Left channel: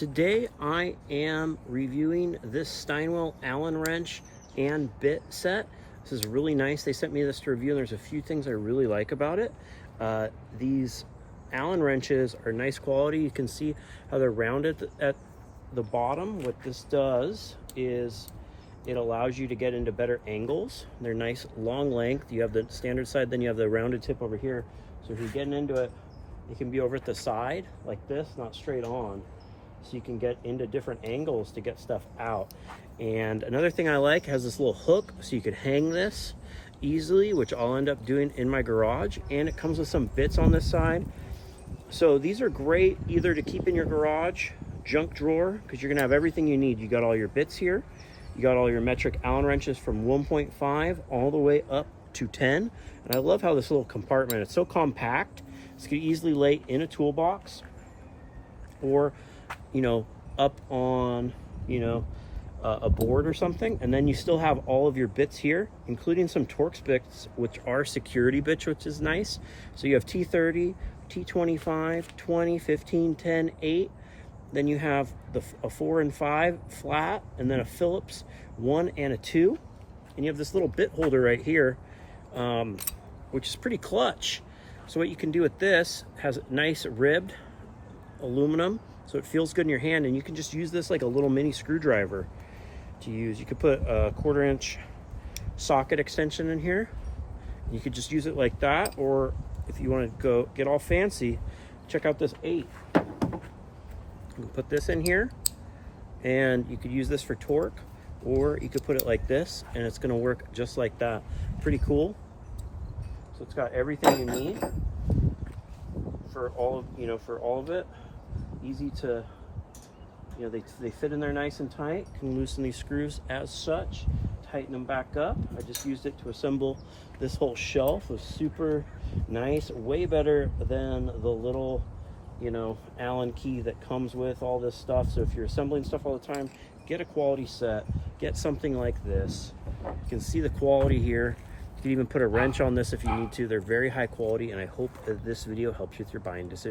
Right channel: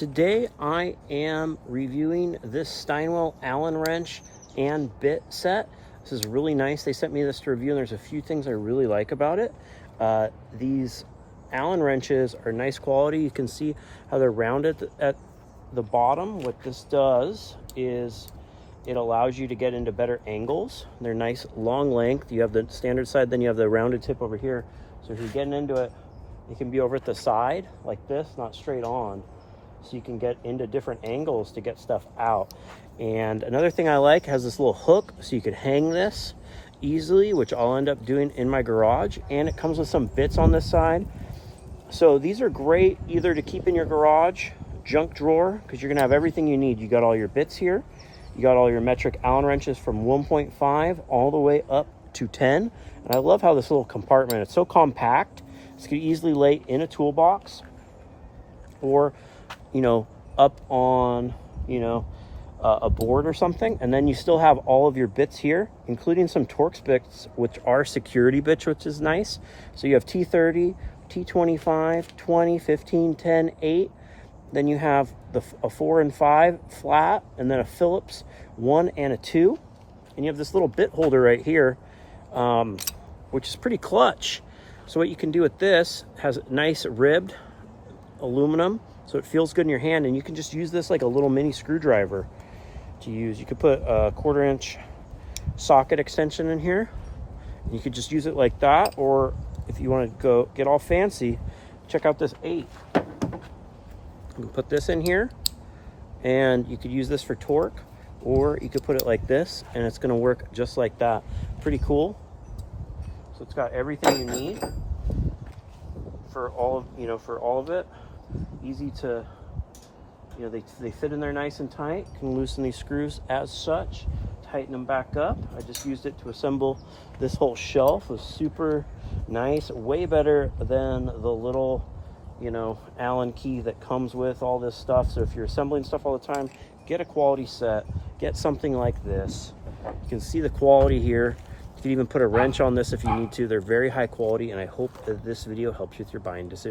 Today I am reviewing this Steinwhale Allen wrench and bit set. This is really nice. They sent me this to review and there's a few things I really like about it. These Allen wrenches are nice quality. You can see how they're rounded at the bottom. What this does is it allows you to get into better angles. They're nice long length. You have the standard side, then you have the rounded tip over here. So if you're getting into it, it can be over at the side like this, not straight on. So you can get into different angles to get stuff out. And another thing I like, has this little hook so you could hang this easily, which I'll end up doing in my garage. And it comes with some bits on this side. So these are great either to keep in your garage, junk drawer, because you're gonna have everything you need. You got all your bits here. You got all your metric Allen wrenches from 1.5 all the way up to 10. And I love how this little compartment, it's so compact. So you can easily lay in a toolbox or, you know, up on, a board or something. And then you still have all of your bits here, including some Torx bits, which are security bits, which is nice. So you have T30, T25, 20, 15, 10, 8. Then you have a 4 and 5 flat, and then a Phillips 1 and a 2. And you have this little bit holder right here, which is pretty clutch. So what you can do with this, has nice ribbed aluminum, so it feels good in your hand, and you can just use this like a little mini screwdriver to use. You could put a 1/4 inch socket extension in here. You could just use it like that, or if you want to go get all fancy, check out this 8. You can put this in here, and you could use this for torque, or you could put it like this, and it's going to work just like that. Pretty cool. So it's got everything you need for all of it. Easy to, they fit in there nice and tight. You can loosen these screws as such, tighten them back up. I just used it to assemble this whole shelf. It was super nice, way better than the little, Allen key that comes with all this stuff. So if you're assembling stuff all the time, get a quality set, get something like this. You can see the quality here. You can even put a wrench on this if you need to. They're very high quality, and I hope that this video helps you with your buying decision.